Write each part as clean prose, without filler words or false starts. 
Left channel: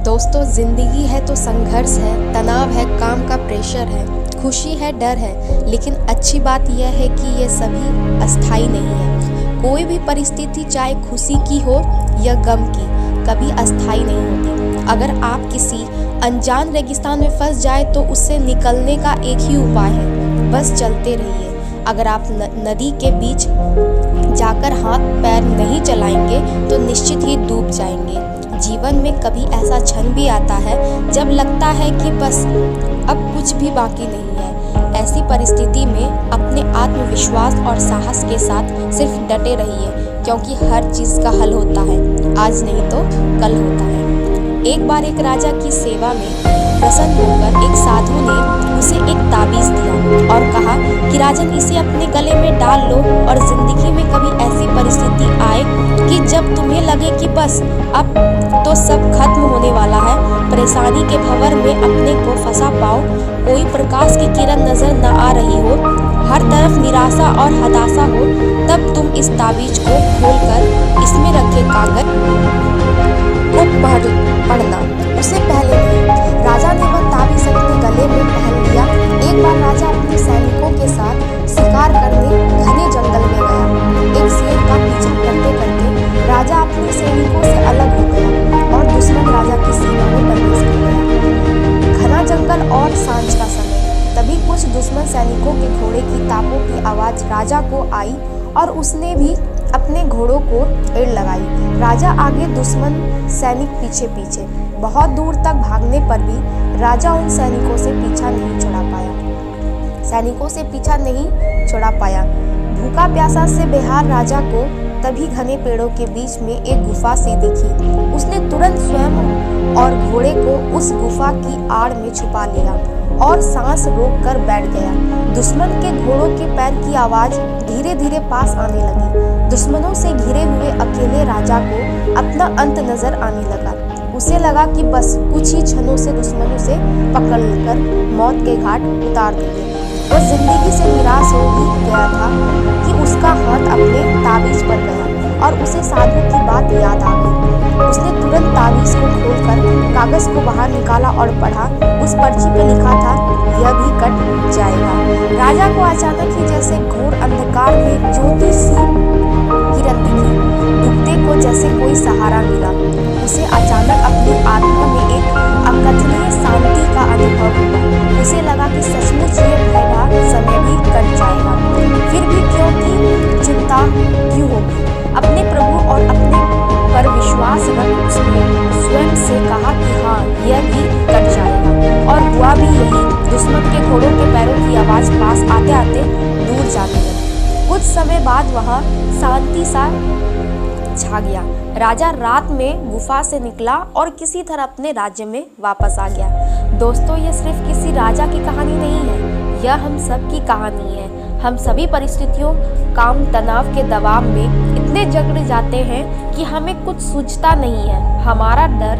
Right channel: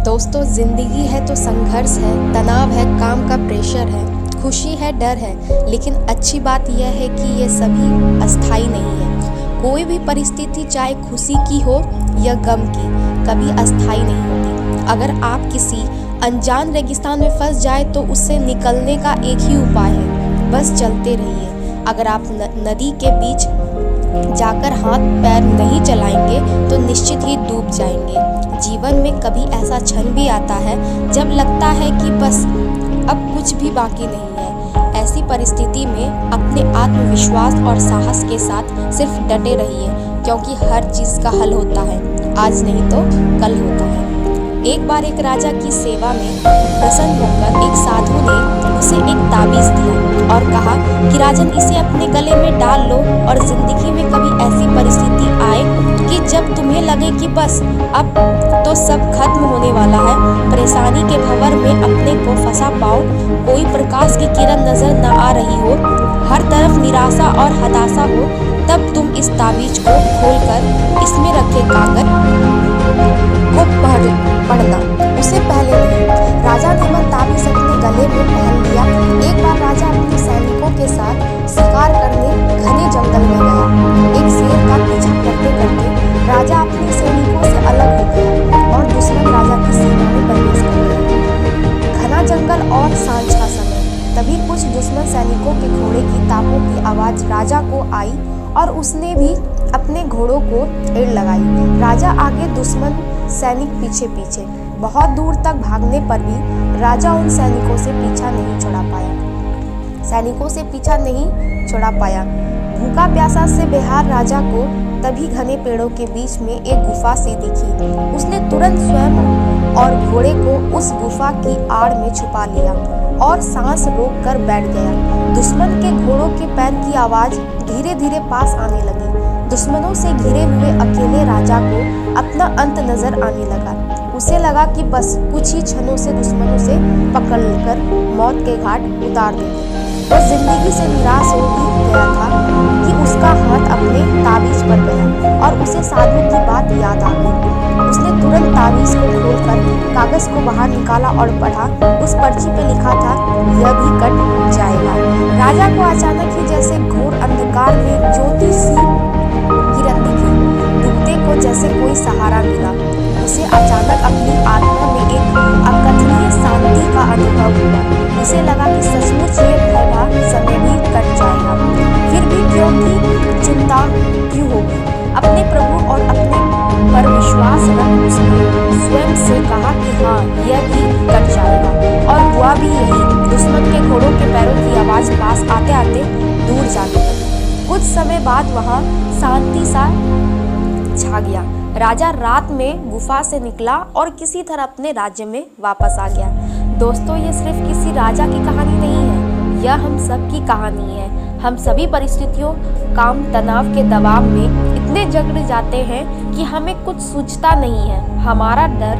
दोस्तों, जिंदगी है तो संघर्ष है, तनाव है, काम का प्रेशर है, खुशी है, डर है, लेकिन अच्छी बात यह है कि ये सभी अस्थायी नहीं है। कोई भी परिस्थिति, चाहे खुशी की हो या गम की, कभी अस्थायी नहीं होती। अगर आप किसी अनजान रेगिस्तान में फंस जाए तो उससे निकलने का एक ही उपाय है, बस चलते रहिए। अगर आप नदी के बीच जाकर हाथ पैर नहीं चलाएंगे तो निश्चित ही डूब जाएंगे। जीवन में कभी ऐसा क्षण भी आता है जब लगता है कि बस अब कुछ भी बाकी नहीं है। ऐसी परिस्थिति में अपने आत्मविश्वास और साहस के साथ सिर्फ डटे रहिए, क्योंकि हर चीज़ का हल होता है, आज नहीं तो कल होता है। एक बार एक राजा की सेवा में प्रसन्न होकर एक साधु ने उसे एक ताबीज़ दिया और कहा कि राजन, इसे अपने गले में डाल लो और जिंदगी में कभी ऐसी परिस्थिति आए कि जब तुम्हें लगे कि बस अब तो सब खत्म होने वाला है, परेशानी के भंवर में अपने को फंसा पाओ, कोई प्रकाश की किरण नजर न आ रही हो, हर तरफ निराशा और हताशा हो, तब तुम इस ताबीज को खोलकर इसमें रखे कागज को पढ़ना। उसे पहले नहीं। राजा ने वह ताबीज अपने गले में पहन लिया। एक बार राजा अपने सैनिकों के साथ शिकार करने घने जंगल में गया। एक शेर का पीछा करते करते राजा अपने सैनिकों से अलग हो गया और दुश्मन राजा की सीमा में प्रवेश कर गया। घना जंगल और सांझ का समय, तभी कुछ दुश्मन सैनिकों के घोड़े की तापों की आवाज राजा को आई और उसने भी अपने घोड़ों को एड़ लगाई। राजा आगे, दुश्मन सैनिक पीछे पीछे। बहुत दूर तक भागने पर भी राजा उन सैनिकों से पीछा नहीं छुड़ा पाया। भूखा प्यासा से बेहाल राजा को तभी घने पेड़ों के बीच में एक गुफा सी दिखी। उसने तुरंत स्वयं और घोड़े को उस गुफा की आड़ में छुपा लिया और सांस रोक कर बैठ गया। दुश्मन के घोड़ों के पैर की आवाज धीरे धीरे पास आने लगी। दुश्मनों से घिरे हुए अकेले राजा को अपना अंत नजर आने लगा। उसे लगा कि बस कुछ ही क्षणों से दुश्मनों से पकड़कर मौत के घाट उतार देंगे। वह जिंदगी से निराश हो ही गया था कि उसका हाथ अपने ताबीज पर गया और उसे साधु की बात याद आ गई। उसने तुरंत ताबीज को खोलकर कागज को बाहर निकाला और पढ़ा। उस पर्ची पे लिखा था, यह भी कट जाएगा। राजा को अचानक ही जैसे घोर अंधकार में ज्योति सी किरण दिखी। डूबते को जैसे कोई सहारा मिला। उसे अचानक अपनी आत्मा में एक अकथनीय शांति का अनुभव हुआ। उसे लगा कि सचमुच ये भयभा समय भी कट जाएगा। फिर भी क्योंकि चिंता क्यों होगी? अपने प्रभु और अपने पर विश्वास रख उसने स्वयं से कहा कि हाँ, यह भी कट जाएगा। और हुआ भी यही। दुश्मन के घोड़ों के पैरों की आवाज पास आते आते दूर जाने लगी। कुछ समय बाद वहाँ शांति सा छा गया। राजा रात में गुफा से निकला और किसी तरह अपने राज्य में वापस आ गया। दोस्तों, ये सिर्फ किसी राजा की कहानी नहीं है, यह हम सब की कहानी है। हम सभी परिस्थितियों, काम, तनाव के दबाव में इतने जकड़ जाते हैं कि हमें कुछ सूझता नहीं है। हमारा डर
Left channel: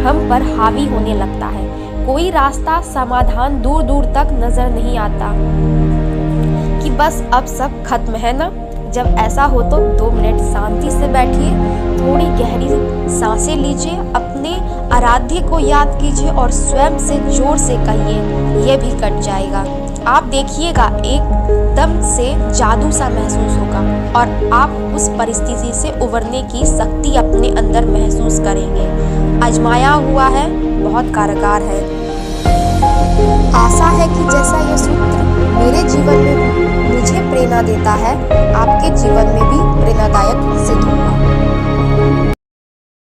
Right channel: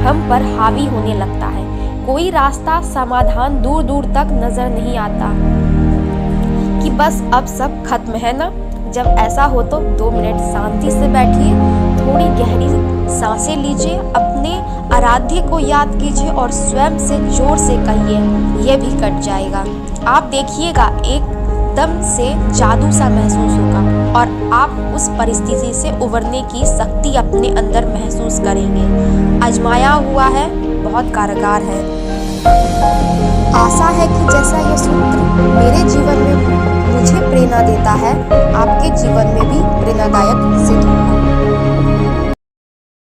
हम पर हावी होने लगता है। कोई रास्ता, समाधान दूर दूर तक नजर नहीं आता कि बस अब सब खत्म है ना। जब ऐसा हो तो 2 मिनट शांति से बैठिए, थोड़ी गहरी सांसें लीजिए, अपने आराध्य को याद कीजिए और स्वयं से जोर से कहिए, यह भी कट जाएगा। आप देखिएगा, एकदम से जादू सा महसूस होगा और आप उस परिस्थिति से उबरने की शक्ति अपने अंदर महसूस करेंगे। आजमाया हुआ है, बहुत कारगर है। आशा है कि जैसा यह सूत्र मेरे जीवन में मुझे प्रेरणा देता है, आपके जीवन में भी प्रेरणादायक सिद्ध हो।